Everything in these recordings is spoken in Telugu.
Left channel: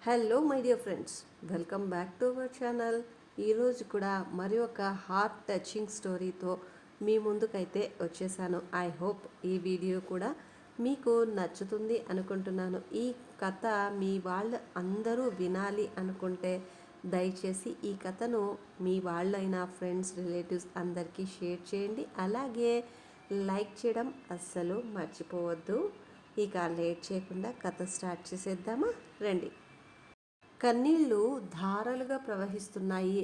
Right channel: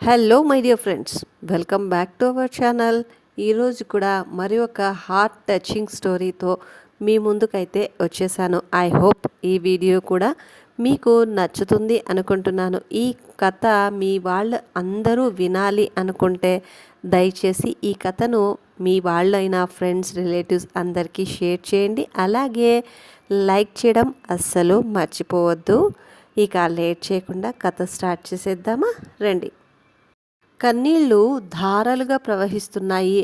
Hello my dear friends, welcome back to our channel. ఈరోజు కూడా మరి ఒక హార్ట్ టచింగ్ స్టోరీతో మీ ముందుకైతే వచ్చేసాను. ఐ హోప్ ఈ వీడియో కూడా మీకు నచ్చుతుంది అనుకుంటున్నాను. ఈ కథ మీ వాళ్ళు అందరూ వినాలి అనుకుంటే దయచేసి ఈ కథను మీ వాళ్ళైనా ఫ్రెండ్స్, రిలేటివ్స్ అందరికీ షేర్ చేయండి. అలాగే లైక్ చేయడం అస్సలు మర్చిపోవద్దు. ఇక లేట్ చేయకుండా కథ స్టార్ట్ చేసేద్దామా, రండి. కన్నీళ్లు ధారలుగా ప్రవహిస్తున్నాయి.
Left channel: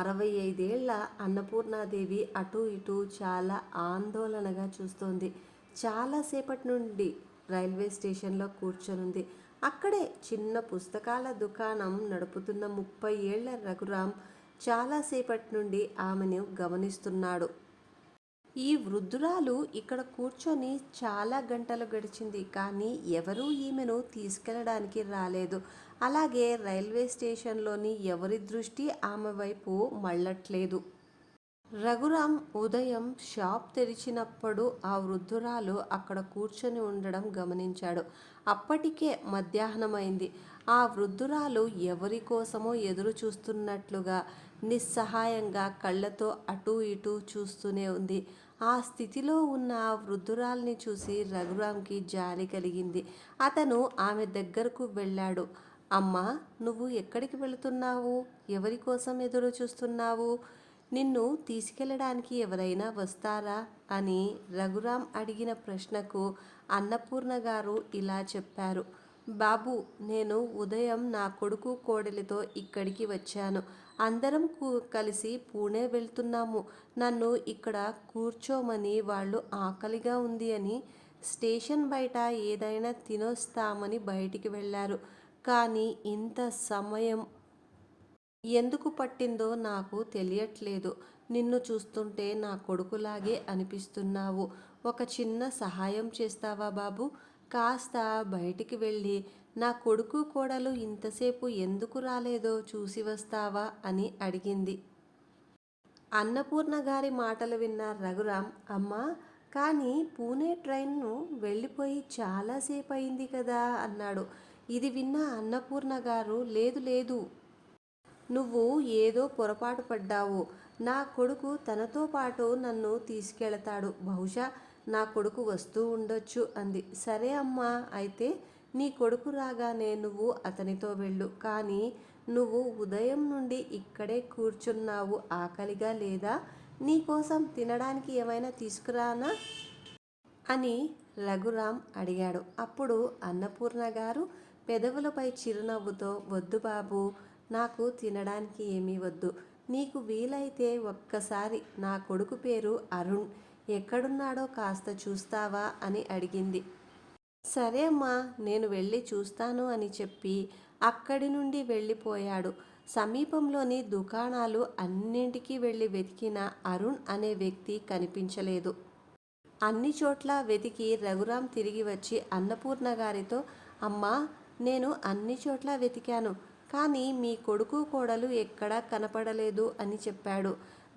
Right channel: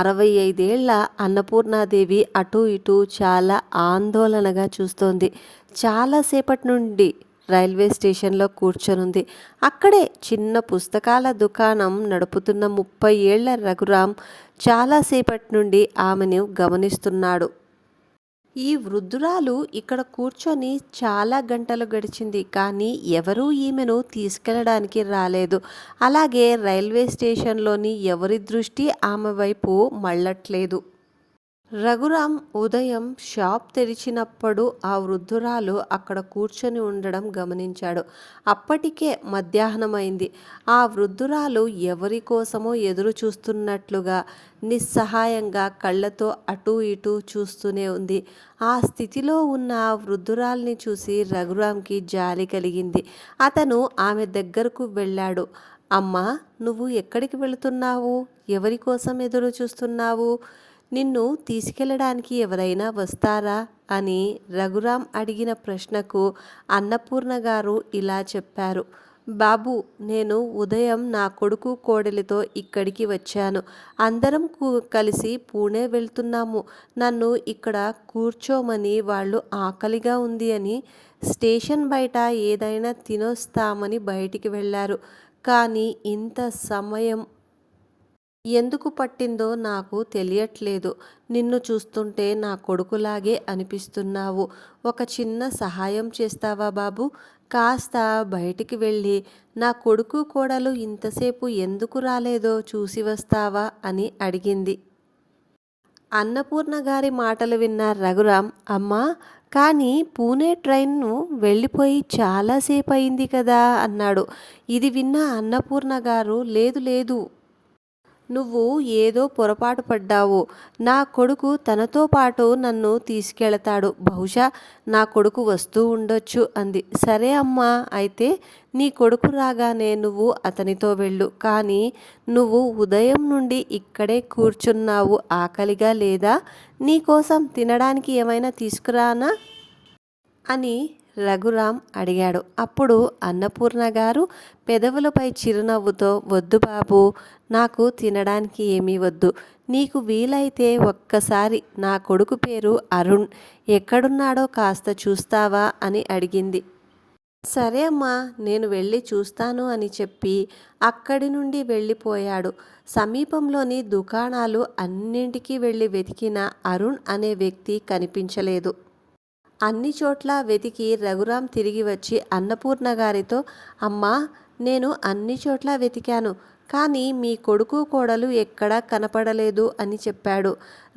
65 ఏళ్ల అన్నపూర్ణాదేవి అటూ ఇటూ చాలా ఆందోళనగా చూస్తోంది. చాలాసేపటి నుండి రైల్వే స్టేషన్లో కూర్చొనుంది. అక్కడే చిన్న పుస్తకాల దుకాణం నడుపుతున్న 30 ఏళ్ల రఘురాం చాలాసేపటి నుండి ఆమెను గమనిస్తున్నాడు. ఈ వృద్ధురాలు ఇక్కడ కూర్చొని చాలా గంటలు గడిచింది, కానీ ఎవరూ ఈమెను తీసుకెళ్ళడానికి రాలేదు. అలాగే రైల్వే స్టేషన్లోని ఎవరి దృష్టి ఆమె వైపు మళ్ళట్లేదు. రఘురాం ఉదయం షాప్ తెరిచినప్పుడు ఆ వృద్ధురాలు అక్కడ కూర్చొని ఉండడం గమనించాడు. అప్పటికే మధ్యాహ్నమైంది. ఆ వృద్ధురాలు ఎవరి కోసమో ఎదురు చూస్తున్నట్లుగా నిస్సహాయంగా కళ్ళతో అటూ ఇటూ చూస్తూనే ఉంది. ఆ స్థితిలో ఉన్న ఆ వృద్ధురాల్ని చూసి రఘురాంకి జాలి కలిగింది. అతను ఆమె దగ్గరకు వెళ్ళాడు. అమ్మా, నువ్వు ఎక్కడికి వెళుతున్నావు? ఎవరి కోసం ఎదురు చూస్తున్నావు? నిన్ను తీసుకెళ్ళడానికి ఎవరైనా వస్తారా అని రఘురాం అడిగిన ప్రశ్నకు అన్నపూర్ణ గారు ఇలా చెప్పారు. బాబు, నేను ఉదయం నా కొడుకు కోడలితో ఇక్కడికి వచ్చాను. అందరం కలిసి పూణే వెళ్తున్నాము. నన్ను ఇక్కడ కూర్చోమని వాళ్ళు ఆకలిగా ఉంది అని స్టేషన్ బయట ఏదైనా తినొస్తామని బయటికి వెళ్ళారు. కానీ ఇంత సమయం ఎందుకు పట్టిందో నాకు తెలియట్లేదు. నిన్ను చూస్తుంటే నా కొడుకులాగే అనిపిస్తున్నావు. ఒక చిన్న సహాయం చేస్తావా బాబు? కాస్త బయటికి వెళ్ళి నా కొడుకు కోడలు ఇంతసేపు ఎందుకు రాలేదో చూసి వస్తావా అని అడిగింది. అన్నపూర్ణ గారి మాటలు విన్న రఘురాం, అమ్మా, కానీ పూణే ట్రైన్ను వెళ్ళిపోయి చాలాసేపు అయింది కదా అన్నాడు. ఇది విన్న అన్నపూర్ణ గారు, లేదు లేదు, నువ్వు ఏదో పొరపాటు పడ్డావు. నా కొడుకు తనతో పాటు నన్ను తీసుకెళతాడు. బహుశా నా కొడుకు వస్తూ ఉండొచ్చు అంది. సరే అమ్మా, అయితే నీ కొడుకు రాగానే నువ్వు అతనితో వెళ్ళు. కానీ నువ్వు ఉదయం నుండి ఇక్కడే కూర్చున్నావు. ఆకలిగా లేదా? నీకోసం తినడానికి ఏమైనా తీసుకురానా అని రఘురాం అడిగాడు. అప్పుడు అన్నపూర్ణ గారు పెదవులపై చిరునవ్వుతో, వద్దు బాబు, నాకు తినడానికి ఏమీ వద్దు. నీకు వీలైతే ఒక్కసారి నా కొడుకు పేరు అరుణ్, ఎక్కడున్నాడో కాస్త చూస్తావా అని అడిగింది. సరే అమ్మా, నేను వెళ్ళి చూస్తాను అని చెప్పి అక్కడి నుండి వెళ్ళిపోయాడు. సమీపంలోని దుకాణాలు అన్నింటికీ వెళ్ళి వెతికిన అరుణ్ అనే వ్యక్తి కనిపించలేదు. అన్ని చోట్ల వెతికి రఘురాం తిరిగి వచ్చి అన్నపూర్ణ గారితో, అమ్మా, నేను అన్ని చోట్ల వెతికాను, కానీ మీ కొడుకు కోడలు ఎక్కడా కనపడలేదు అని చెప్పాడు.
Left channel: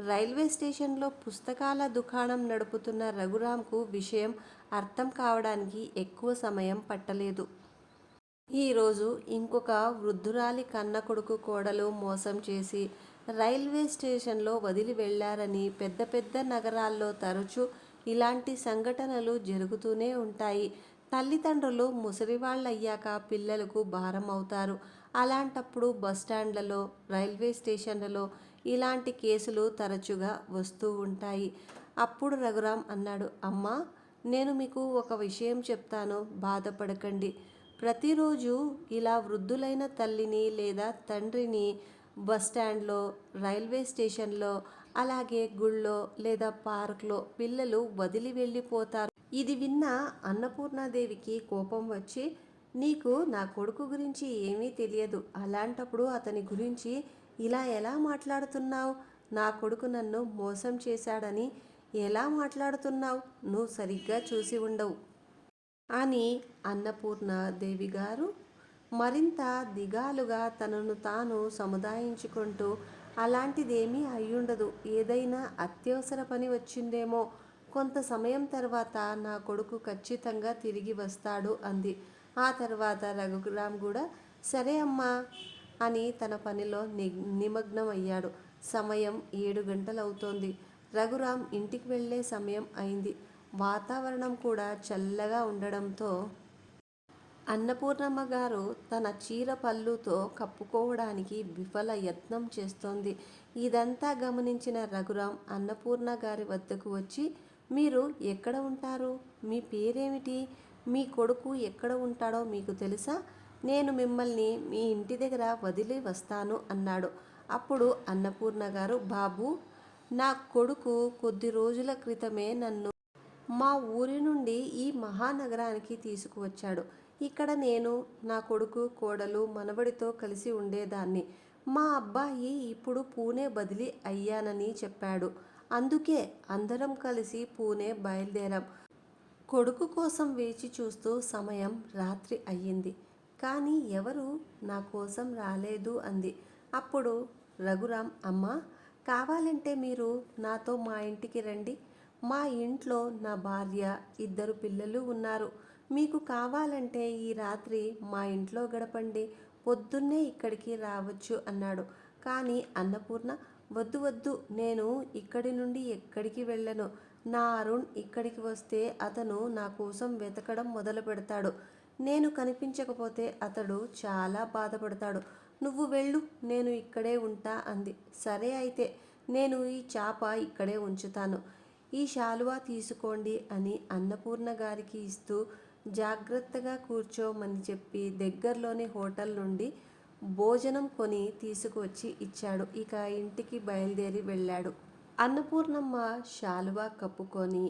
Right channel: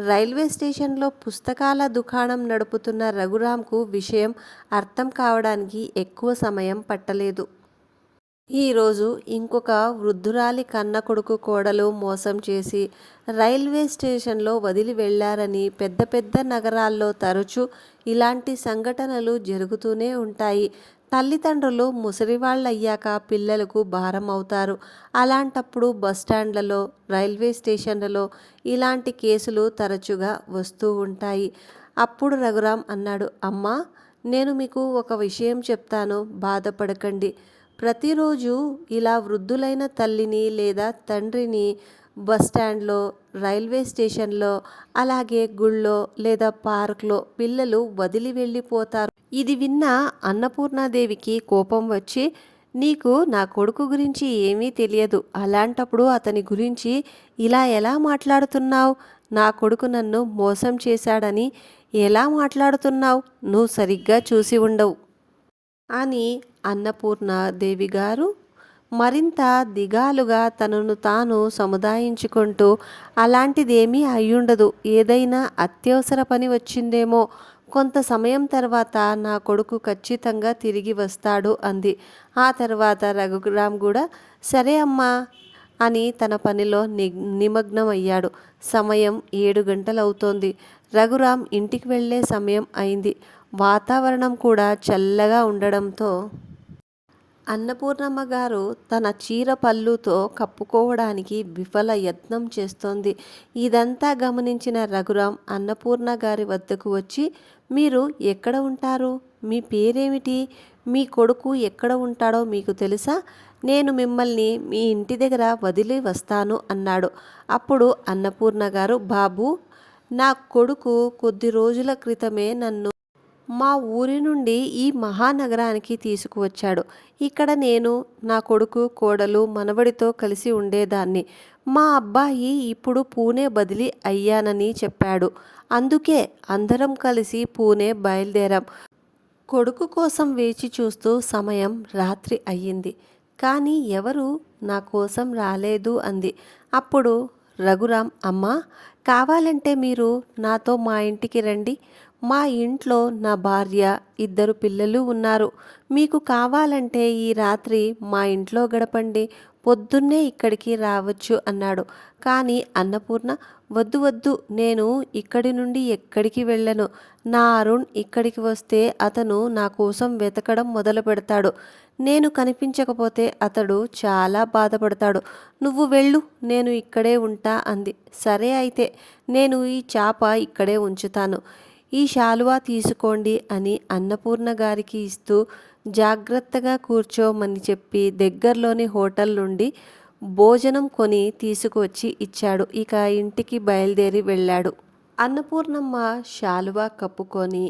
రైల్వే స్టేషన్లో పుస్తకాల దుకాణం నడుపుతున్న రఘురాంకు విషయం అర్థం కావడానికి ఎక్కువ సమయం పట్టలేదు. ఈరోజు ఇంకొక వృద్ధురాలి కన్న కొడుకు కోడలు మోసం చేసి రైల్వే స్టేషన్లో వదిలి వెళ్లారని పెద్ద పెద్ద నగరాల్లో తరచూ ఇలాంటి సంఘటనలు జరుగుతూనే ఉంటాయి. తల్లిదండ్రులు ముసలివాళ్ళయ్యాక పిల్లలకు భారం అవుతారు. అలాంటప్పుడు బస్టాండ్లలో, రైల్వే స్టేషన్లలో ఇలాంటి కేసులు తరచుగా వస్తూ ఉంటాయి. అప్పుడు రఘురాం అన్నాడు, అమ్మా, నేను మీకు ఒక విషయం చెప్తాను, బాధపడకండి. ప్రతిరోజు ఇలా వృద్ధులైన తల్లిని లేదా తండ్రిని బస్టాండ్లో, రైల్వే స్టేషన్లో, అలాగే గుళ్ళో లేదా పార్క్లో పిల్లలు వదిలి వెళ్ళిపోతారు. ఇది విన్న అన్నపూర్ణాదేవికి కోపం వచ్చి, నీకు నా కొడుకు గురించి ఏమీ తెలియదు. అలాంటప్పుడు అతని గురించి ఇలా ఎలా మాట్లాడుతున్నావు? నా కొడుకు నన్ను మోసం చేశాడని ఎలా మాట్లాడుతున్నావు? నువ్వు సరిగ్గా చూసి ఉండవు అని అన్నపూర్ణాదేవి గారు మరింత దిగాలుగా తనను తాను సముదాయించుకుంటూ, అలాంటిదేమీ అయ్యుండదు, ఏదైనా అత్యవసర పని వచ్చిందేమో, కొంత సమయం తర్వాత నా కొడుకు ఖచ్చితంగా తిరిగి వస్తాడు అంది. ఆ తర్వాత రఘురాం కూడా సరే అమ్మా అని తన పనిలో నిమగ్నమయ్యాడు. సమయం 7 గంటలవుతోంది. రఘురాం ఇంటికి వెళ్ళే సమయం అయింది. వాతావరణం కూడా చల్లగా ఉండడంతో అన్నపూర్ణమ్మ గారు తన చీర పళ్ళుతో కప్పుకోవడానికి విఫల యత్నం చేస్తోంది. ఇదంతా గమనించిన రఘురాం అన్నపూర్ణ గారి వద్దకు వచ్చి, మీరు ఎక్కడ ఉంటారు? మీ పేరేమిటి? మీ కొడుకు ఎక్కడ ఉంటాడో మీకు తెలుసా? నేను మిమ్మల్ని మీ ఇంటి దగ్గర వదిలి వస్తాను అన్నాడు. అప్పుడు అన్నపూర్ణ గారు, బాబు, నా కొడుకు కొద్ది రోజుల క్రితమే నన్ను మా ఊరి నుండి ఈ మహానగరానికి తీసుకువచ్చాడు. ఇక్కడ నేను, నా కొడుకు, కోడలు, మనవడితో కలిసి ఉండేదాన్ని. మా అబ్బాయి ఇప్పుడు పూణే బదిలీ అయ్యానని చెప్పాడు. అందుకే అందరం కలిసి పూణే బయలుదేరాం. కొడుకు కోసం వేచి చూస్తూ సమయం రాత్రి అయ్యింది. కానీ ఎవరు నా కోసం రాలేదు అంది. అప్పుడు రఘురాం, అమ్మా, కావాలంటే మీరు నాతో మా ఇంటికి రండి. మా ఇంట్లో నా భార్య, 2 పిల్లలు ఉన్నారు. మీకు కావాలంటే ఈ రాత్రి మా ఇంట్లో గడపండి. పొద్దున్నే ఇక్కడికి రావచ్చు అన్నాడు. కానీ అన్నపూర్ణ, వద్దు వద్దు, నేను ఇక్కడి నుండి ఎక్కడికి వెళ్ళను. నా అరుణ్ ఇక్కడికి వస్తే అతను నా కోసం వెతకడం మొదలు పెడతాడు. నేను కనిపించకపోతే అతడు చాలా బాధపడతాడు. నువ్వు వెళ్ళు, నేను ఇక్కడే ఉంటా అంది. సరే అయితే, నేను ఈ చాప ఇక్కడే ఉంచుతాను. ఈ శాలువా తీసుకోండి అని అన్నపూర్ణ గారికి ఇస్తూ జాగ్రత్తగా కూర్చోమని చెప్పి దగ్గరలోని హోటల్ నుండి భోజనం కొని తీసుకువచ్చి ఇచ్చాడు. ఇక ఇంటికి బయలుదేరి వెళ్ళాడు. అన్నపూర్ణమ్మ శాలువా కప్పుకొని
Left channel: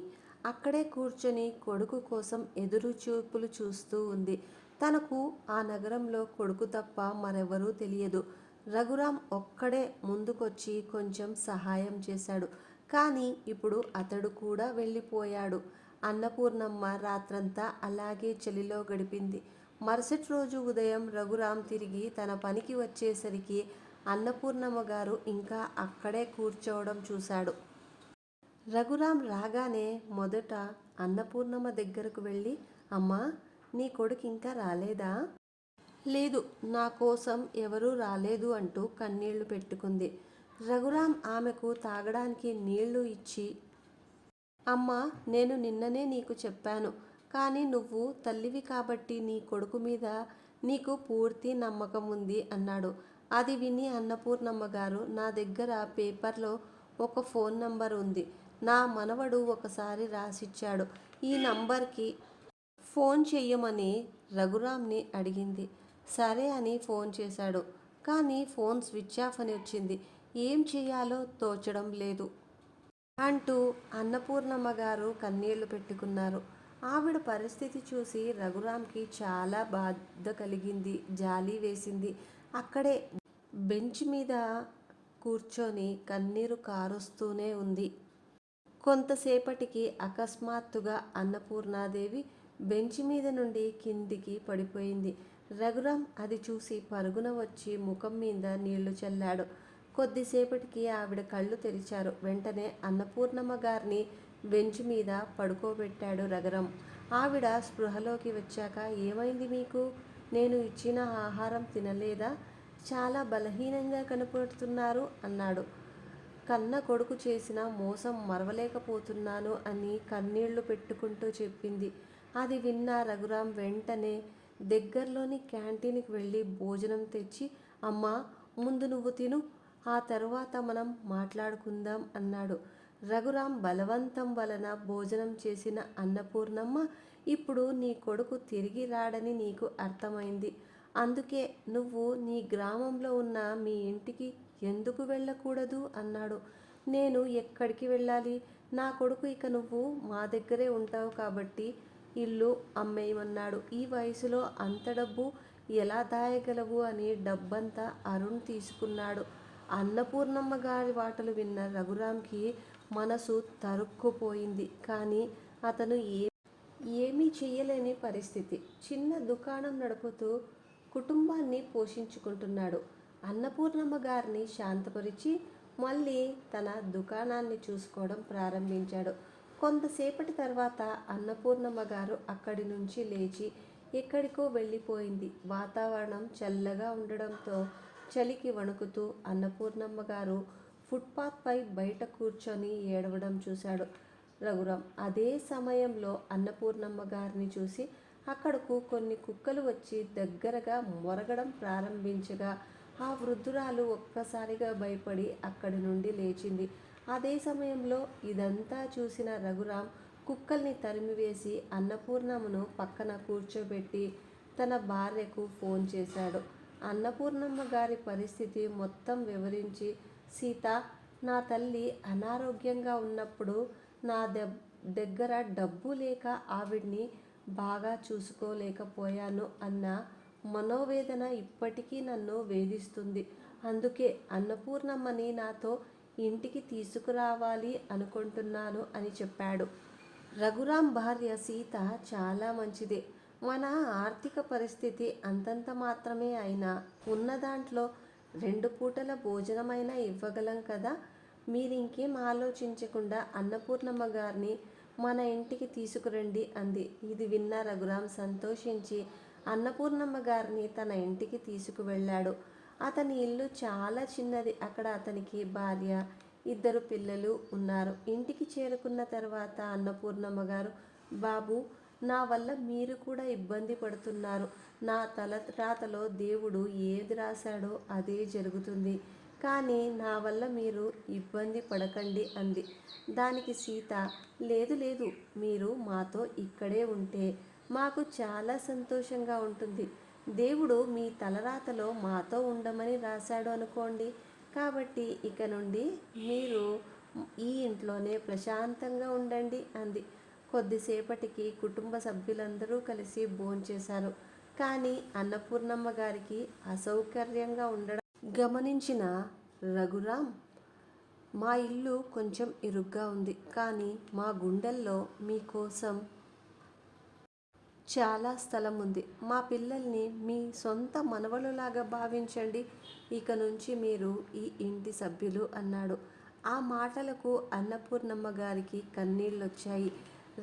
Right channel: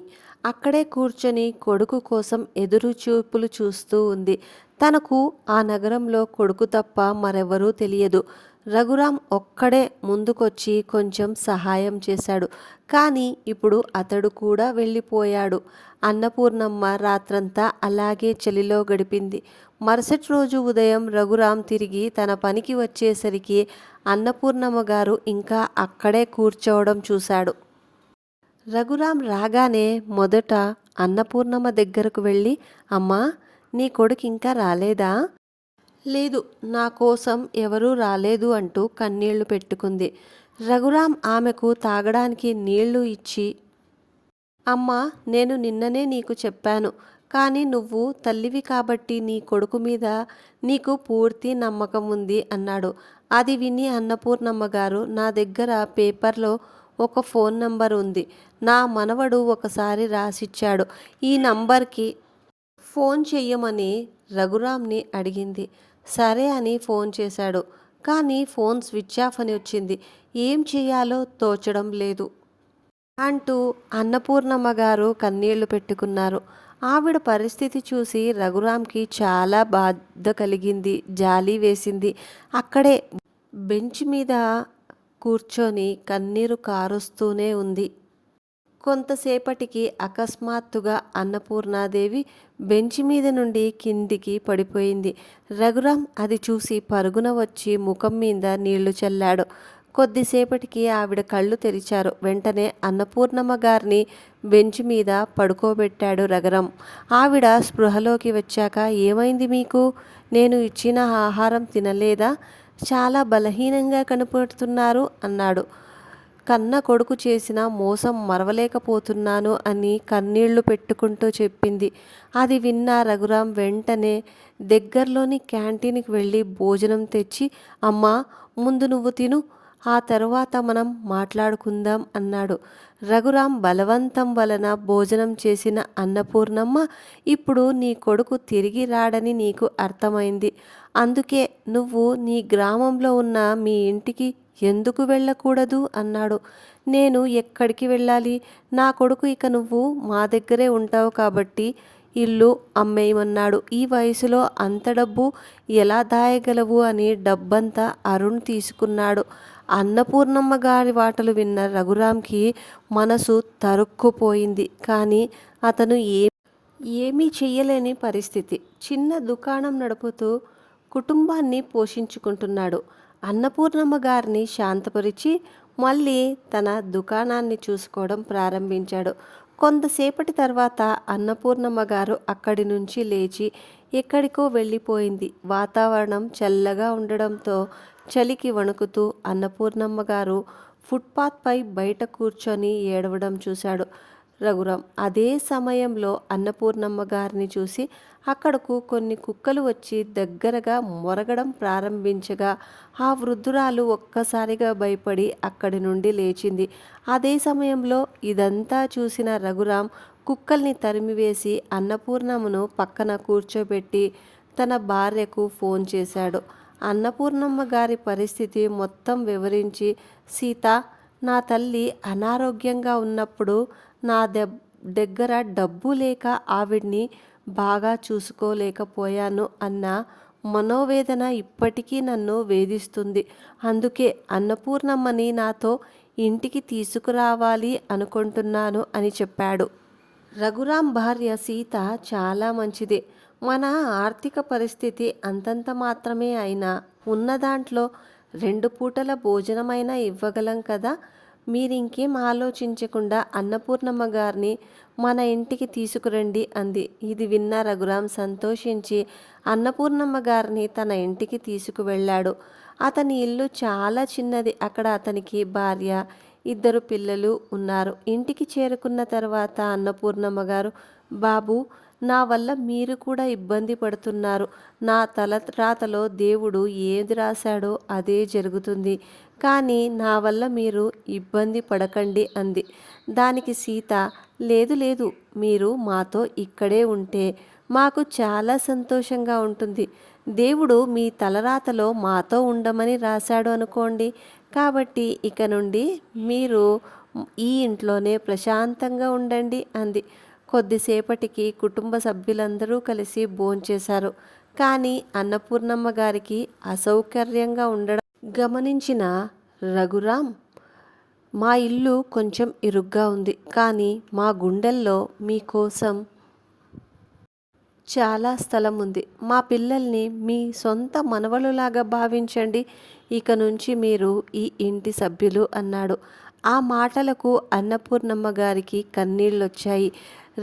అక్కడే కూర్చొని కొడుకు కోసం ఎదురు చూపులు చూస్తూ ఉంది. తనకు ఆ నగరంలో కొడుకు తప్ప మరెవరూ తెలియదు. రఘురాం ఒక్కడే ముందుకొచ్చి కొంచెం సహాయం చేశాడు. కానీ ఇప్పుడు అతడు కూడా వెళ్ళిపోయాడు. అన్నపూర్ణమ్మ రాత్రంతా అలాగే చలిలో గడిపింది. మరుసటి రోజు ఉదయం రఘురాం తిరిగి తన పనికి వచ్చేసరికి అన్నపూర్ణమ్మ గారు ఇంకా అక్కడే కూర్చోవడం చూశాడు. రఘురాం రాగానే మొదట అన్నపూర్ణమ్మ దగ్గరకు వెళ్ళి, అమ్మా, నీ కొడుకు ఇంకా రాలేదా? లేదు, నా కోసం ఎవరూ రాలేదు అంటూ కన్నీళ్లు పెట్టుకుంది. రఘురాం ఆమెకు తాగడానికి నీళ్లు ఇచ్చి, అమ్మా, నేను నిన్ననే నీకు చెప్పాను. కానీ నువ్వు తల్లివి కాబట్టి నీ కొడుకు మీద నీకు పూర్తి నమ్మకం ఉంది అన్నాడు. అది విని అన్నపూర్ణమ్మ గారు, నా దగ్గర పేపర్లో ఒక ఫోన్ నంబర్ ఉంది. నా మనవడు ఒకసారి రాసిచ్చాడు. ఈ నంబర్కి ఫోన్ చెయ్యమని రఘురాంని అడిగింది. సరే అని ఫోన్ చేశాడు. కానీ ఫోన్ స్విచ్ ఆఫ్ అని వచ్చింది. ఏం చేయాలో తోచడం లేదు అంటూ అన్నపూర్ణమ్మ గారు కన్నీళ్లు పెట్టుకున్నారు. ఆవిడ పరిస్థితి చూసి రఘురాంకి చాలా బాధ కలిగింది, జాలి వేసింది. అక్కడే బెంచ్ మీద కూర్చొని కన్నీరు కారుస్తూనే ఉంది. కొంతసేపటికి అకస్మాత్తుగా అన్నపూర్ణాదేవి బెంచి మీద నుండి కిందికి పడిపోయింది. రఘురాం అది చూసి పరుగున వచ్చి ముఖం మీద నీళ్లు చల్లాడు. కొద్దిసేపటికి ఆవిడ కళ్ళు తెరిచారు. వెంటనే అన్నపూర్ణమ్మ గారిని బెంచ్ మీద పడుకోబెట్టాడు రఘురాం. ఆవిడ స్పృహలోకి వచ్చాక, ఏమైంది మీకు? నేను ఇచ్చిన ఆహారం తినలేదా? చాలా బలహీనంగా కనపడుతున్నారు అన్నాడు. కన్న కొడుకు చేసిన మోసం మరవలేకపోతున్నాను అని కన్నీళ్లు పెట్టుకుంటూ చెప్పింది. అది విన్న రఘురాం వెంటనే దగ్గరలోని క్యాంటీన్కి వెళ్ళి భోజనం తెచ్చి, అమ్మా, ముందు నువ్వు తిను, ఆ తర్వాత మనం మాట్లాడుకుందాం అన్నాడు. రఘురాం బలవంతం వలన భోజనం చేసిన అన్నపూర్ణమ్మ, ఇప్పుడు నీ కొడుకు తిరిగి రాడని నీకు అర్థమైంది. అందుకే నువ్వు నీ గ్రామంలో ఉన్న మీ ఇంటికి ఎందుకు వెళ్ళకూడదు అన్నాడు. నేను ఎక్కడికి వెళ్ళాలి? నా కొడుకు ఇక నువ్వు మా దగ్గరే ఉంటావు కాబట్టి ఇల్లు అమ్మేయమన్నాడు. ఈ వయసులో అంత డబ్బు ఎలా దాయగలవు అని డబ్బంతా అరుణ్ తీసుకున్నాడు. అన్నపూర్ణమ్మ గారి మాటలు విన్న రఘురాంకి మనసు తరుక్కుపోయింది. కానీ అతను ఏమీ చెయ్యలేని పరిస్థితి. చిన్న దుకాణం నడుపుతూ కుటుంబాన్ని పోషించుకుంటున్నాడు. అన్నపూర్ణమ్మ గారిని శాంతపరిచి మళ్ళీ తన దుకాణాన్ని చూసుకోవడం ప్రారంభించాడు. కొంతసేపటి తర్వాత అన్నపూర్ణమ్మ గారు అక్కడి నుంచి లేచి ఎక్కడికో వెళ్ళిపోయింది. వాతావరణం చల్లగా ఉండడంతో చలికి వణుకుతూ అన్నపూర్ణమ్మ గారు ఫుట్పాత్పై బయట కూర్చొని ఏడవడం చూశాడు రఘురాం. అదే సమయంలో అన్నపూర్ణమ్మ గారిని చూసి అక్కడకు కొన్ని కుక్కలు వచ్చి దగ్గరగా మొరగడం ప్రారంభించగా ఆ వృద్ధురాలు ఒక్కసారిగా భయపడి అక్కడి నుండి లేచింది. అదే సమయంలో ఇదంతా చూసిన రఘురాం కుక్కల్ని తరిమివేసి అన్నపూర్ణమ్మను పక్కన కూర్చోబెట్టి తన భార్యకు ఫోన్ చేశాడు. అన్నపూర్ణమ్మ గారి పరిస్థితి మొత్తం వివరించి, సీత, నా తల్లి అనారోగ్యంగా ఉన్నప్పుడు నా దగ్గర డబ్బు లేక ఆవిడ్ని బాగా చూసుకోలేకపోయాను అన్న మనోవేదన ఇప్పటికీ నన్ను వేధిస్తుంది. అందుకే అన్నపూర్ణమ్మని నాతో ఇంటికి తీసుకురావాలి అనుకుంటున్నాను అని చెప్పాడు. రఘురాం భార్య సీత చాలా మంచిదే. మన ఆర్థిక పరిస్థితి అంతంత మాత్రమే అయినా ఉన్న దాంట్లో 2 పూటల భోజనమైనా ఇవ్వగలం కదా. మీరింకేం ఆలోచించకుండా అన్నపూర్ణమ్మ గారిని మన ఇంటికి తీసుకురండి అంది. ఇది విన్న రఘురాం సంతోషించి అన్నపూర్ణమ్మ గారిని తన ఇంటికి తీసుకువెళ్ళాడు. అతని ఇల్లు చాలా చిన్నది. అక్కడ అతనికి భార్య, 2 పిల్లలు ఉన్నారు. ఇంటికి చేరుకున్న తర్వాత అన్నపూర్ణమ్మ గారు, బాబు, నా వల్ల మీరు కూడా ఇబ్బంది పడుతున్నారు. నా తలరాతలో దేవుడు ఏది రాశాడో అదే జరుగుతుంది. కానీ నా వల్ల మీరు ఇబ్బంది పడకండి అంది. దానికి సీత, లేదు లేదు, మీరు మాతో ఇక్కడే ఉంటే మాకు చాలా సంతోషంగా ఉంటుంది. దేవుడు మీ తలరాతలో మాతో ఉండమని రాశాడు అనుకోండి. కాబట్టి ఇక నుండి మీరు ఈ ఇంట్లోనే ప్రశాంతంగా ఉండండి అంది. కొద్దిసేపటికి కుటుంబ సభ్యులందరూ కలిసి భోంచేశారు. కానీ అన్నపూర్ణమ్మ గారికి అసౌకర్యంగా ఉండడం గమనించిన రఘురాం, మా ఇల్లు కొంచెం ఇరుగ్గా ఉంది, కానీ మా గుండెల్లో మీకోసం చాలా స్థలం ఉంది. మా పిల్లల్ని మీ సొంత మనవలులాగా భావించండి. ఇక నుంచి మీరు ఈ ఇంటి సభ్యులు అన్నాడు. ఆ మాటలకు అన్నపూర్ణమ్మ గారికి కన్నీళ్ళొచ్చాయి.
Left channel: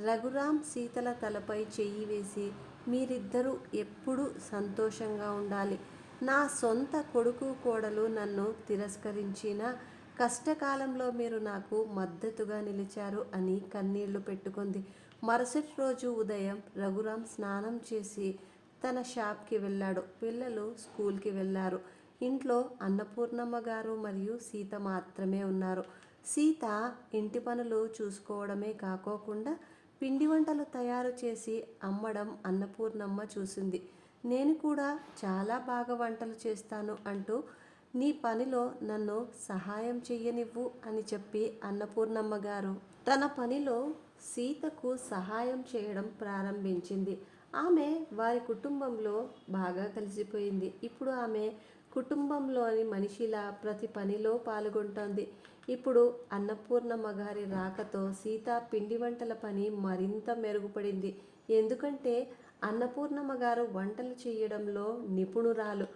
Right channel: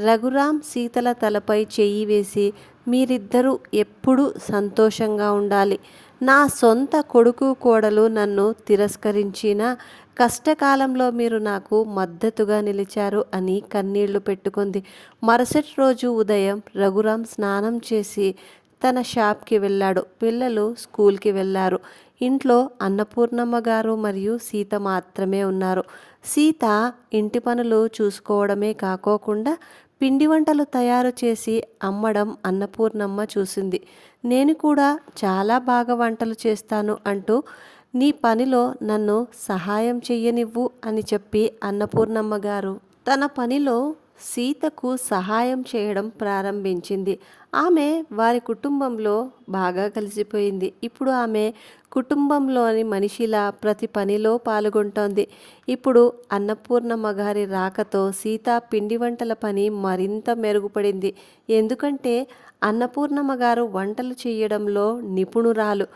రఘురాం సీతల తలపై చెయ్యి వేసి, మీరిద్దరూ ఎప్పుడూ సంతోషంగా ఉండాలి. నా సొంత కొడుకు కోడలు నన్ను తిరస్కరించినా కష్టకాలంలో మీరు నాకు మద్దతుగా నిలిచారు అని కన్నీళ్లు పెట్టుకుంది. మరుసటి రోజు ఉదయం రఘురాం స్నానం చేసి తన షాప్కి వెళ్ళాడు. పిల్లలు స్కూల్కి వెళ్ళారు. ఇంట్లో అన్నపూర్ణమ్మ గారు మరియు సీత మాత్రమే ఉన్నారు. సీత ఇంటి పనులు చూసుకోవడమే కాకోకుండా పిండి వంటలు తయారు చేసి అమ్మడం అన్నపూర్ణమ్మ చూసింది. నేను కూడా చాలా బాగా వంటలు చేస్తాను అంటూ నీ పనిలో నన్ను సహాయం చెయ్యనివ్వు అని చెప్పి అన్నపూర్ణమ్మ గారు తన పనిలో సీతకు సహాయం చేయడం ప్రారంభించింది. ఆమె వారి కుటుంబంలో బాగా కలిసిపోయింది. ఇప్పుడు ఆమె కుటుంబంలోని మనిషిలా ప్రతి పనిలో పాల్గొంటోంది. ఇప్పుడు అన్నపూర్ణమ్మ గారి రాకతో సీత పిండి వంటల పని మరింత మెరుగుపడింది. ఎందుకంటే అన్నపూర్ణమ్మ గారు వంటలు చేయడంలో నిపుణురాలు.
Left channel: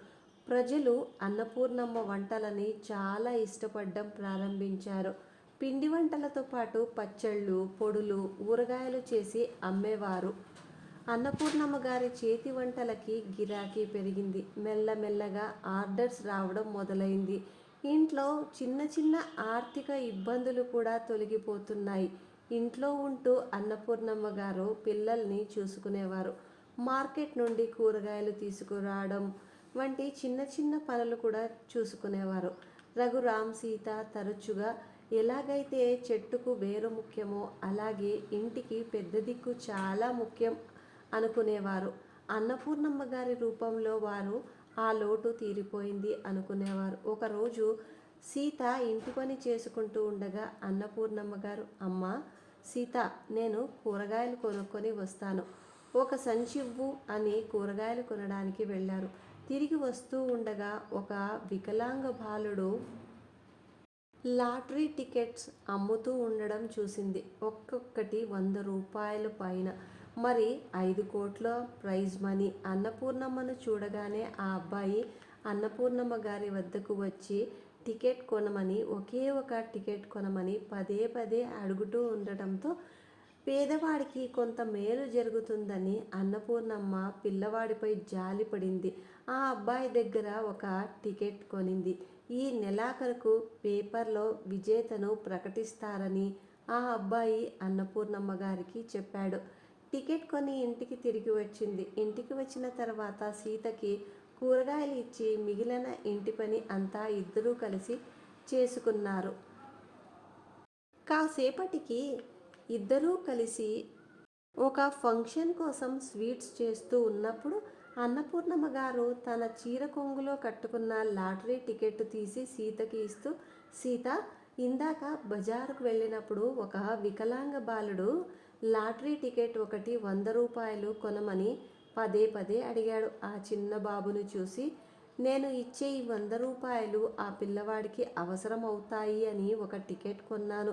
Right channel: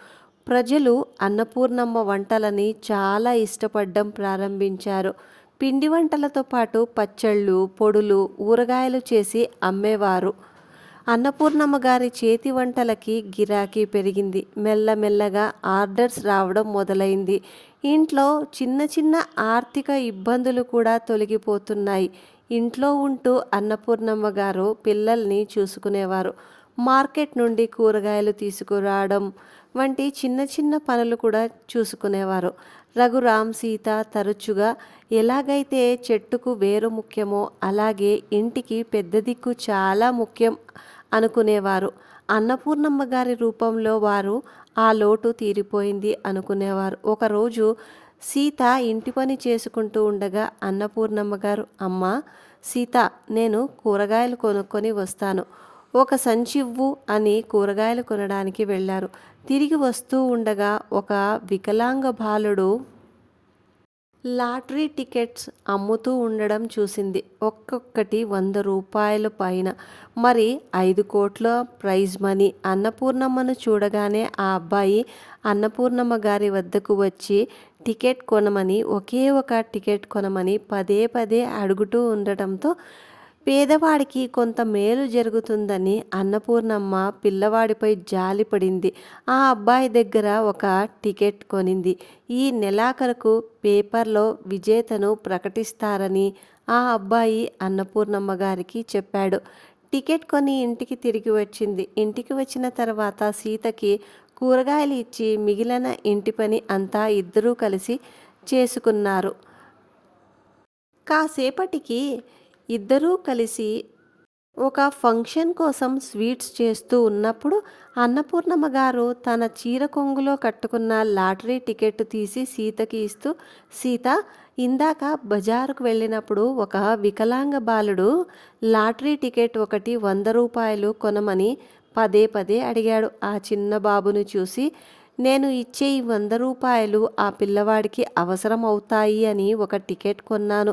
ప్రజలు అన్నపూర్ణమ్మ వంటలని చాలా ఇష్టపడడం ప్రారంభించారు. పిండి వంటలతో పాటు పచ్చళ్ళు, పొడులు, ఊరగాయలు చేసి అమ్మేవారు. అన్నపూర్ణమ్మ గారి చేతి వంటలకి గిరాకీ పెరిగింది. మెల్లమెల్లగా ఆర్డర్స్ రావడం మొదలైంది. ఇంట్లో చిన్న చిన్న ఆర్థిక ఇబ్బందులు కూడా తొలగిపోతున్నాయి. ఇంట్లో ఉంటూ అన్నపూర్ణమ్మ గారు పిల్లల్ని చూసుకునేవారు. మార్కెట్ నుండి కూరగాయలు తీసుకురావడం వంటి చిన్న చిన్న పనులు కూడా చూసుకునేవారు. రఘురాం, సీత తరచుగా ఎలాగైతే చెట్టుకు వేరు ముఖ్యమో అలాగే ఇంటికి పెద్ద దిక్కు చాలా ముఖ్యం అనుకునేవారు. అన్నపూర్ణమ్మ గారి రూపంలో వారు ఆ లోటు తీరిపోయింది అనుకునేవారు. ఒకరోజు సీత ఇంటి పని చేసుకుంటూ ఉండగా అన్నపూర్ణమ్మ గారు, అమ్మా సీత, నేను కూరగాయలు కొనుక్కొని వస్తాను, ఒక సంచివ్వు అని కూరగాయలు కొనడానికి వెళ్ళారు. తిరిగి వస్తూ ఉండగా ఒక వికలాంగ బాలుడు లాటరీ టికెట్స్ అమ్ముతూ ఉండడం చూసింది. ఒక్కొక్కటి 100 రూపాయల పైన, మరి 5 కోట్ల ప్రైజ్ మనీ. అన్నపూర్ణమ్మను చూడగానే ఆ అబ్బాయి అన్నపూర్ణమ్మ గారి వద్దకు వచ్చి టికెట్ కొనమని, ఒకే ఒక టికెట్ కొనమని పదే పదే అడుగుతూ ఉండటంతో పేదవాడికి కొంత మేలు జరుగుతుందని అన్నపూర్ణమ్మ పిల్లవాడిపై జాలిపడింది. ఆ అబ్బాయి దగ్గర ఒక టికెట్ కొనింది. ఈ నెలాఖరుకు పేపర్లో విజేతను ప్రకటిస్తారని ఆ అబ్బాయి అన్నపూర్ణమ్మ గారికి చెప్పాడు. టికెట్ కొని ఇంటికి తిరిగి వచ్చింది. ఇంటికి వచ్చిన తర్వాత సీతకి కూరగాయలు ఇచ్చి మిగిలిన ఇంటి పని అంతా ఇద్దరూ కలిసి చేసుకున్నారు. కాసేపటికి ఇద్దరూ కలిసి ఒక ఫంక్షన్ కోసం స్వీట్స్ చేస్తూ ఉన్నప్పుడు అన్నపూర్ణమ్మ గారు తన చీర కొంగులో కట్టుకున్న లాటరీ టికెట్ తీసి సీతకి ఇస్తూ, సీత, ఇందాక బజారుకు వెళ్ళినప్పుడు ఒక వికలాంగ బాలుడు లాటరీ టికెట్ ఒకటి 100 రూపాయలు కొనమని పదే పదే అడిగాడు. ఆ చిన్న బాబును చూసి, నేను ఇచ్చే ఈ 100 రూపాయలు ఆ పిల్లవాడికి అవసరం అవుతాయి అని ఒక టికెట్ కొన్నాను.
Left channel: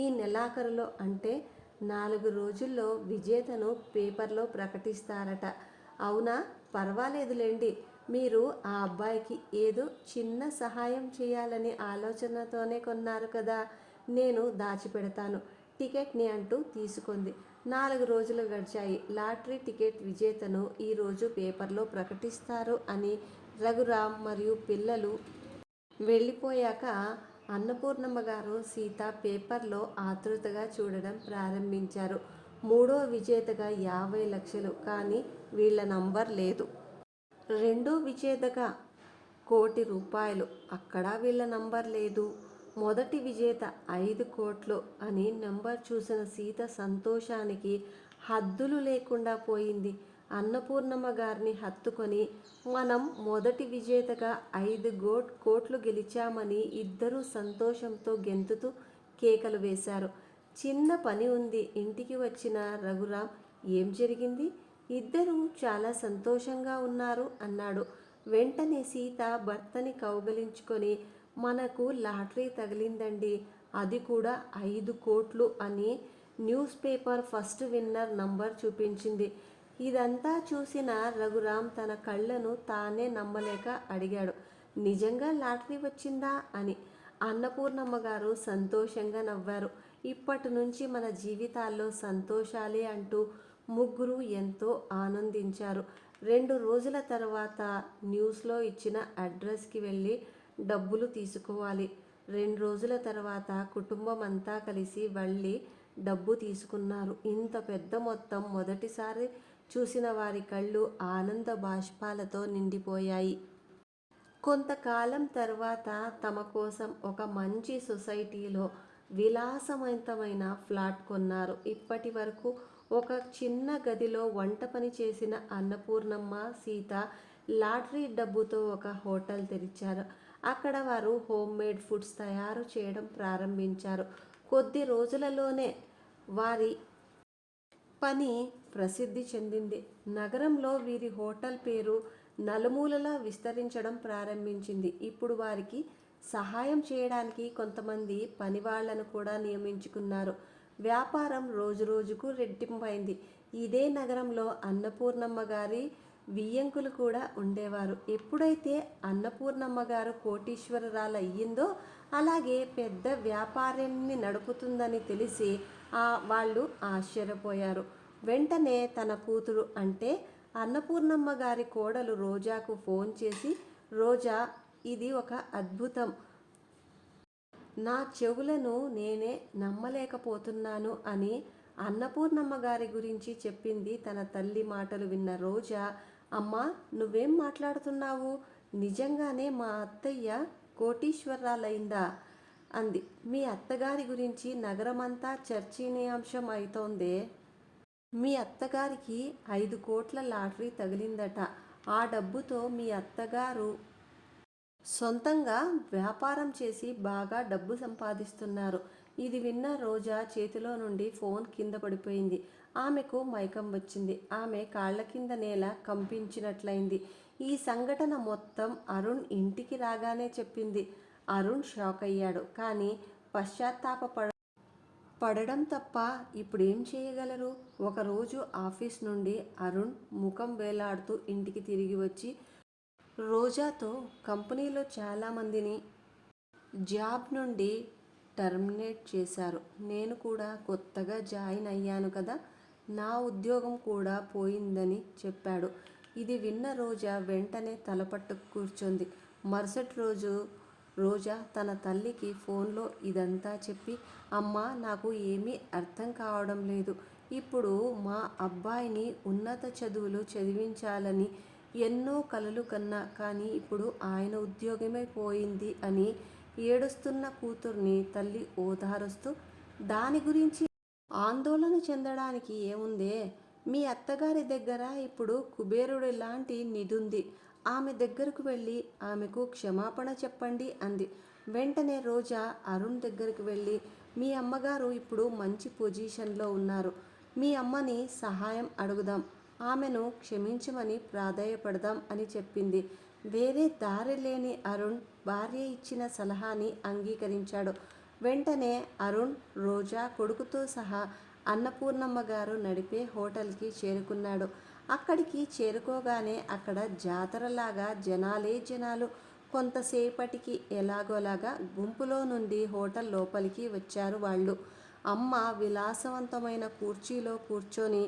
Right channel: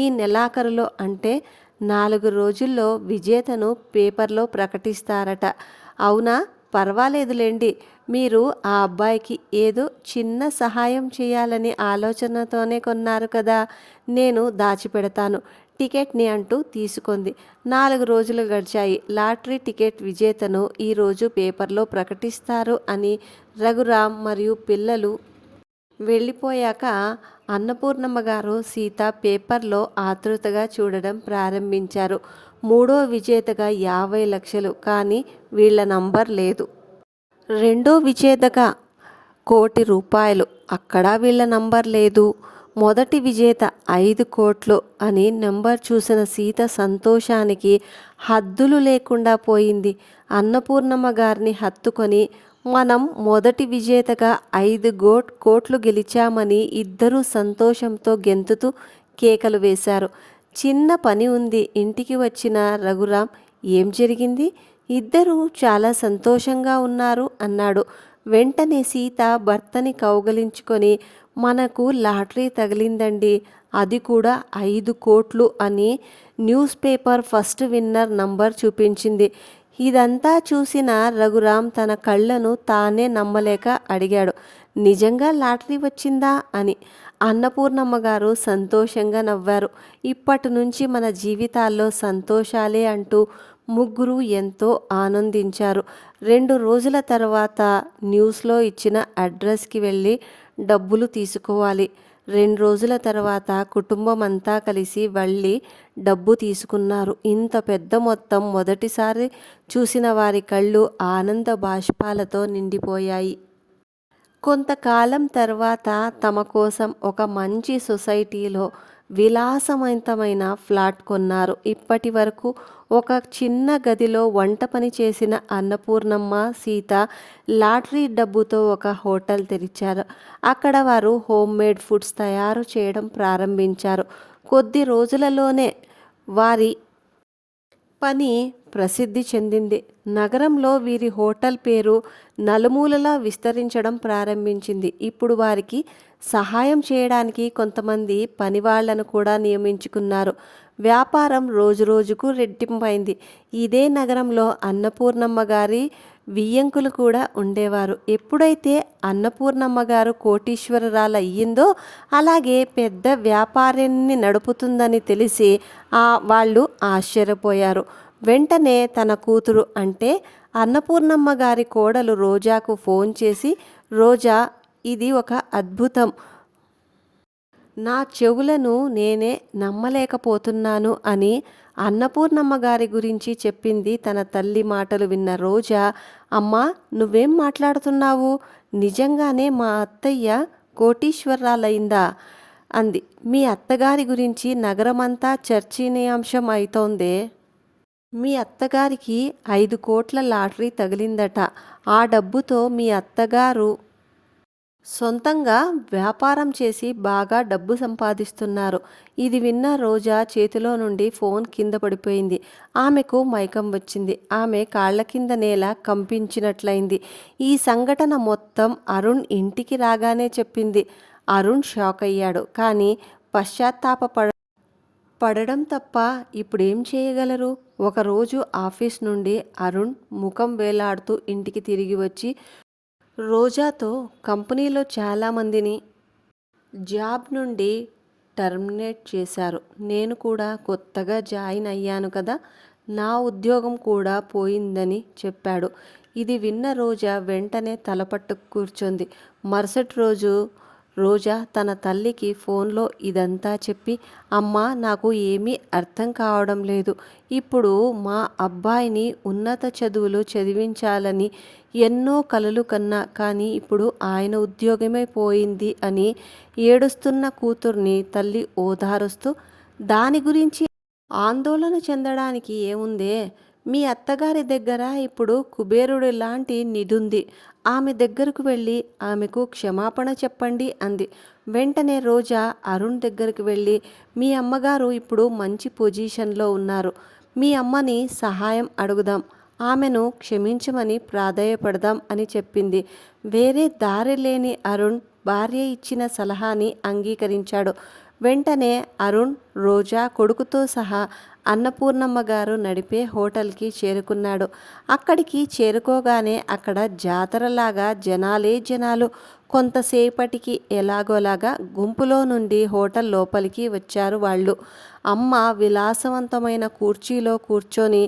ఈ నెలాఖరులో అంటే 4 రోజుల్లో విజేతను పేపర్లో ప్రకటిస్తారట. అవునా? పర్వాలేదులేండి. మీరు ఆ అబ్బాయికి ఏదో చిన్న సహాయం చేయాలని ఆలోచనతోనే కొన్నారు కదా, నేను దాచిపెడతాను టికెట్ని అంటూ తీసుకుంది. 4 రోజులు గడిచాయి. లాటరీ టికెట్ విజేతను ఈరోజు పేపర్లో ప్రకటిస్తారు అని రఘురామ్ మరియు పిల్లలు వెళ్ళిపోయాక అన్నపూర్ణమ్మ గారు సీత పేపర్లో ఆతృతగా చూడడం ప్రారంభించారు. మూడో విజేతగా 50 లక్షలు, కానీ వీళ్ళ నంబర్ లేదు. రెండో విజేతగా 1,00,00,000, అక్కడ వీళ్ళ నంబర్ లేదు. మొదటి విజేత 5 కోట్లు అని నెంబర్ చూసిన సీత సంతోషానికి హద్దులు లేకుండా పోయింది. అన్నపూర్ణమ్మ గారిని హత్తుకొని, మనం మొదటి విజేతగా 5 కోట్లు గెలిచామని ఇద్దరూ సంతోషంతో గెంతుతూ కేకలు వేశారు. చిన్న పని ఉంది. ఇంటికి వచ్చిన రఘురాం, ఏం జరిగింది? ఇద్దరూ చాలా సంతోషంగా ఉన్నారు అన్నాడు. వెంటనే సీత భర్తని కౌగలించుకొని, మనకు లాటరీ తగిలిందండి, అది కూడా 5 కోట్లు అని news paper first winner number చూపించింది. ఇదంతా చూసిన రఘురాం తన కళ్ళను తానే నమ్మలేక అడిగాడు, నిజంగా లాటరీ వచ్చిందా అని. అన్నపూర్ణమ్మ గారు సంతోషంగా నవ్వారు. ఇప్పటి నుంచి మన జీవితాల్లో సంతోషాలే అంటూ ముగ్గురు ఎంతో ఆనందించారు. 2 రోజుల తర్వాత న్యూస్లో ఇచ్చిన అడ్రస్కి వెళ్ళి డబ్బులు తీసుకోవాలి. 2 రోజుల తర్వాత కుటుంబం అంతా కలిసి వెళ్ళి డబ్బు తీసుకున్నారు. ఇంత పెద్ద మొత్తం మొదటిసారి చూసిన వారి కళ్ళు ఆనంద బాష్పాలతో నిండిపోయాయి. కొంతకాలం తర్వాత తమ కోసం ఒక మంచి సొసైటీలో విలాసవంతమైన ఫ్లాట్ కొన్నారు. ఇప్పటి వరకు ఒక చిన్న గదిలో వంట పని చేసిన అన్నపూర్ణమ్మ, సీత లాటరీ డబ్బుతో ఒక హోటల్ తెరిచారు. అక్కడ వారు హోమ్ మేడ్ ఫుడ్స్ తయారు చేయడం ప్రారంభించారు. కొద్ది రోజులలోనే వారి పని ప్రసిద్ధి చెందింది. నగరంలో వీరి హోటల్ పేరు నలుమూలలా విస్తరించడం ప్రారంభించింది. ఇప్పుడు వారికి సహాయం చేయడానికి కొంతమంది పనివాళ్లను కూడా నియమించుకున్నారు. వ్యాపారం రోజురోజుకు రెట్టింపైంది. ఇదే నగరంలో అన్నపూర్ణమ్మ గారి వియ్యంకులు కూడా ఉండేవారు. ఎప్పుడైతే అన్నపూర్ణమ్మ గారు కోటీశ్వరురాలు అయ్యిందో, అలాగే పెద్ద వ్యాపారాన్ని నడుపుతుందని తెలిసి వాళ్ళు ఆశ్చర్యపోయారు. వెంటనే తన కూతురు అంటే అన్నపూర్ణమ్మ గారి కోడలు రోజాకు ఫోన్ చేసి, రోజా, ఇది ఒక అద్భుతం, నా చెవులను నేనే నమ్మలేకపోతున్నాను అని అన్నపూర్ణమ్మ గారి గురించి చెప్పింది. తన తల్లి మాటలు విన్న రోజా, అమ్మా, నువ్వేం మాట్లాడుతున్నావు? నిజంగానే మా అత్తయ్య కోటీశ్వరాలైందా అంది. మీ అత్తగారి గురించి నగరమంతా చర్చనీయాంశం అవుతోందే. మీ అత్తగారికి 5 కోట్ల లాటరీ తగిలిందట. ఆ డబ్బుతో మీ అత్తగారు సొంతంగా వ్యాపారం చేసి బాగా డబ్బు సంపాదిస్తున్నారు. ఇది విన్న రోజా చేతిలో నుండి ఫోన్ కింద పడిపోయింది. ఆమెకు మైకం వచ్చింది. ఆమె కాళ్ల కింద నేల కంపించినట్లయింది. ఈ సంఘటన మొత్తం అరుణ్ ఇంటికి రాగానే చెప్పింది. అరుణ్ షాక్ అయ్యాడు. కానీ పడడం తప్ప ఇప్పుడేం చేయగలరు? ఒకరోజు ఆఫీస్ నుండి అరుణ్ ముఖం వేలాడుతూ ఇంటికి తిరిగి వచ్చి రోజాతో, కంపెనీలో చాలామందిని జాబ్ నుండి టర్మినేట్ చేశారు. నేను కూడా కొత్తగా జాయిన్ అయ్యాను కదా, నా ఉద్యోగం కూడా పోయిందని చెప్పాడు. ఇది విన్న రోజా వెంటనే తలపట్టు కూర్చుంది. మరుసటి రోజు రోజా తన తల్లికి ఫోన్లో ఇదంతా చెప్పి, అమ్మా, నాకు ఏమీ అర్థం కావడం లేదు. ఇప్పుడు మా అబ్బాయిని ఉన్నత చదువులు చదివించాలని ఎన్నో కలలు కన్నా, కానీ ఇప్పుడు ఆయన ఉద్యోగమే పోయింది అని ఏడుస్తున్న కూతుర్ని తల్లి ఓదారుస్తూ, దాని గురించి ఆందోళన చెందడానికి ఏముందే, మీ అత్తగారి దగ్గర ఇప్పుడు కుబేరుడు లాంటి నిధుంది. ఆమె దగ్గరకు వెళ్ళి ఆమెకు క్షమాపణ చెప్పండి అంది. వెంటనే రోజా అరుణ్ దగ్గరికి వెళ్ళి, మీ అమ్మగారు ఇప్పుడు మంచి పొజిషన్లో ఉన్నారు. మీ అమ్మని సహాయం అడుగుదాం, ఆమెను క్షమించమని ప్రాధేయపడదాం అని చెప్పింది. వేరే దారి లేని అరుణ్ భార్య ఇచ్చిన సలహాని అంగీకరించాడు. వెంటనే అరుణ్ రోజా కొడుకుతో సహా అన్నపూర్ణమ్మ గారు నడిపే హోటల్కి చేరుకున్నాడు. అక్కడికి చేరుకోగానే అక్కడ జాతరలాగా జనాలే జనాలు. కొంతసేపటికి ఎలాగోలాగా గుంపులో నుండి హోటల్ లోపలికి వచ్చారు వాళ్ళు. అమ్మ విలాసవంతమైన కుర్చీలో కూర్చొని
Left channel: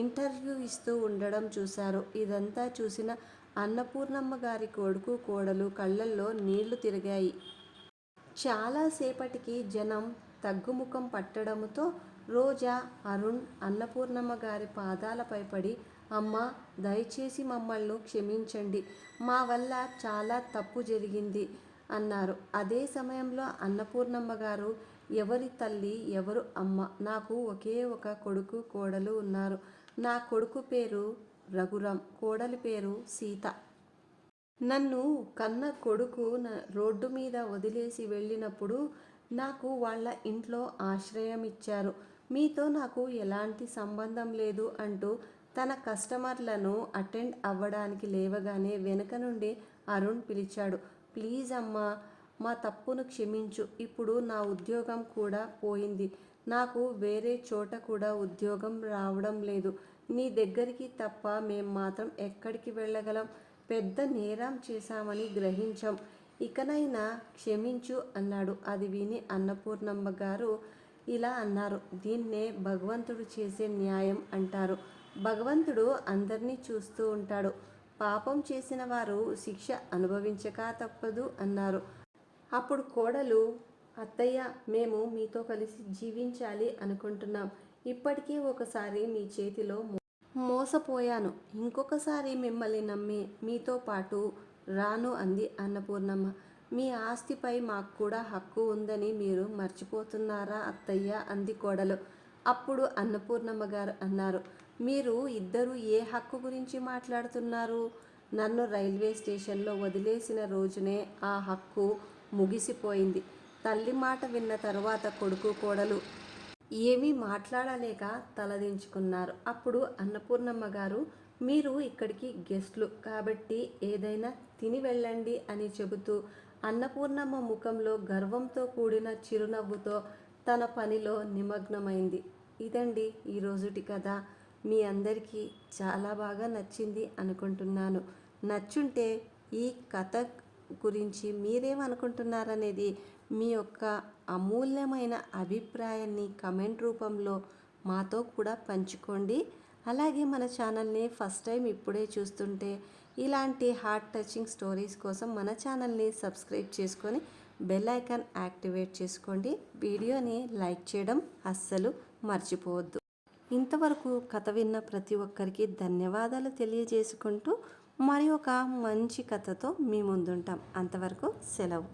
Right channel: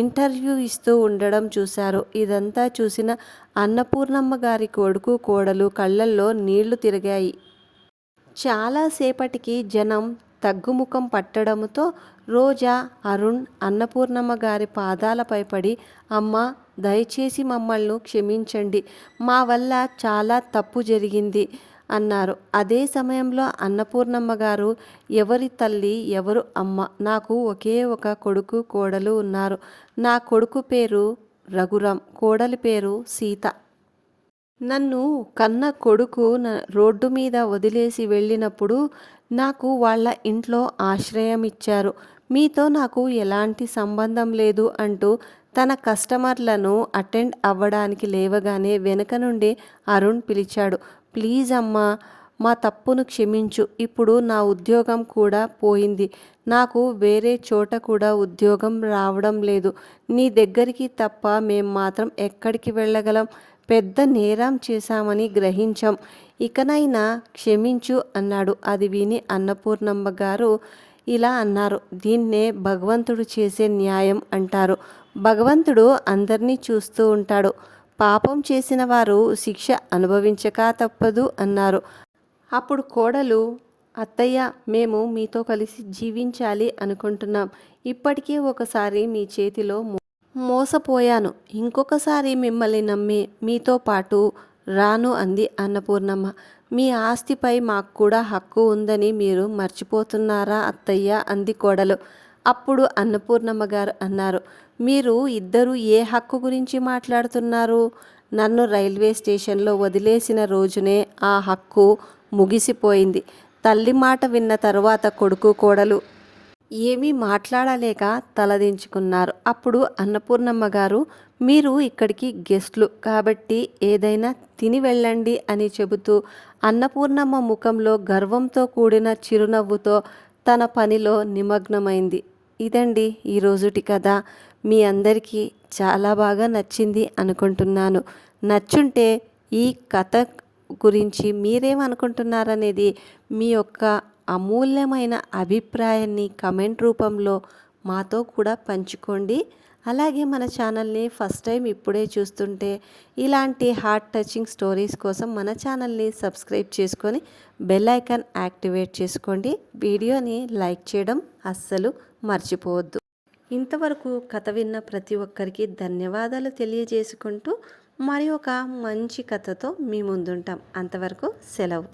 ఇంటర్వ్యూ ఇస్తూ ఉండడం చూశారు. ఇదంతా చూసిన అన్నపూర్ణమ్మ గారి కొడుకు కోడలు కళ్ళల్లో నీళ్లు తిరిగాయి. చాలాసేపటికి జనం తగ్గుముఖం పట్టడంతో రోజా అరుణ్ అన్నపూర్ణమ్మ గారి పాదాలపై పడి, అమ్మ, దయచేసి మమ్మల్ని క్షమించండి, మా వల్ల చాలా తప్పు జరిగింది అన్నారు. అదే సమయంలో అన్నపూర్ణమ్మ గారు, ఎవరి తల్లి ఎవరు అమ్మ, నాకు ఒకే ఒక కొడుకు కోడలు ఉన్నారు. నా కొడుకు పేరు రఘురాం, కోడలి పేరు సీత. నన్ను కన్న కొడుకు రోడ్డు మీద వదిలేసి వెళ్ళినప్పుడు నాకు వాళ్ళ ఇంట్లో ఆశ్రయం ఇచ్చారు. మీతో నాకు ఎలాంటి సంబంధం లేదు అంటూ తన కస్టమర్లను అటెండ్ అవ్వడానికి లేవగానే వెనుక నుండి అరుణ్ పిలిచాడు. ప్లీజ్ అమ్మా, మా తప్పును క్షమించు. ఇప్పుడు నా ఉద్యోగం కూడా పోయింది. నాకు వేరే చోట కూడా ఉద్యోగం రావడం లేదు. నీ దగ్గరికి తప్ప మేం మాత్రం ఎక్కడికి వెళ్ళగలం? పెద్ద నేరం చేశామని గ్రహించాం. ఇకనైనా క్షమించు అన్నాడు. అది విని అన్నపూర్ణమ్మ గారు ఇలా అన్నారు, దీన్నే భగవంతుడు చేసే న్యాయం అంటారు. భగవంతుడు అందరినీ చూస్తూ ఉంటాడు. పాపం చేసిన వారు శిక్ష అనుభవించక తప్పదు అన్నారు. అప్పుడు కోడలు, అత్తయ్య, మేము మీతో కలిసి జీవించాలి అనుకుంటున్నాం. ఇప్పటికీ ఒకసారి మీ చేతిలో మోసపోయాను. ఇంకొకసారి మిమ్మల్ని నమ్మి మీతో పాటు రాను అంది అన్నపూర్ణమ్మ. మీ ఆస్తిపై మాకు కూడా హక్కు ఉందని మీరు మర్చిపోతున్నారా అత్తయ్య అంది కోడలు. అప్పుడు అన్నపూర్ణమ్మ గారు అన్నారు, మీరు ఇద్దరు ఏ హక్కు గురించి మాట్లాడుతున్నారు? నన్ను రైల్వే స్టేషన్లో వదిలేసిన రోజునే ఆ హక్కు ముగిసిపోయింది. తల్లి మాట విన్న తరువాత కొడుకు కోడలు ఏమీ మాట్లాడలేక తలదించుకున్నారు. అప్పుడు అన్నపూర్ణమ్మ గారు, మీరు ఇక్కడికి గెస్ట్లు కాబట్టి ఏదైనా తిని వెళ్ళండి అని చెబుతూ అన్నపూర్ణమ్మ ముఖంలో గర్వంతో కూడిన చిరునవ్వుతో తన పనిలో నిమగ్నమైంది. ఇదండి ఈరోజుటి కథ. మీ అందరికీ చాలా బాగా నచ్చింది అనుకుంటున్నాను. నచ్చుంటే ఈ కథ గురించి మీరేమనుకుంటున్నారనేది మీ యొక్క అమూల్యమైన అభిప్రాయాన్ని కమెంట్ రూపంలో మాతో కూడా పంచుకోండి. అలాగే మన ఛానల్ని ఫస్ట్ టైం ఇప్పుడే చూస్తుంటే ఇలాంటి హార్ట్ టచింగ్ స్టోరీస్ కోసం మన ఛానల్ని సబ్స్క్రైబ్ చేసుకొని బెల్ ఐకాన్ యాక్టివేట్ చేసుకోండి. వీడియోని లైక్ చేయడం అస్సలు మర్చిపోవద్దు. ఇంతవరకు కథ విన్న ప్రతి ఒక్కరికి ధన్యవాదాలు తెలియజేసుకుంటూ మరి ఒక మంచి కథతో మీ ముందుంటాం. అంతవరకు సెలవు.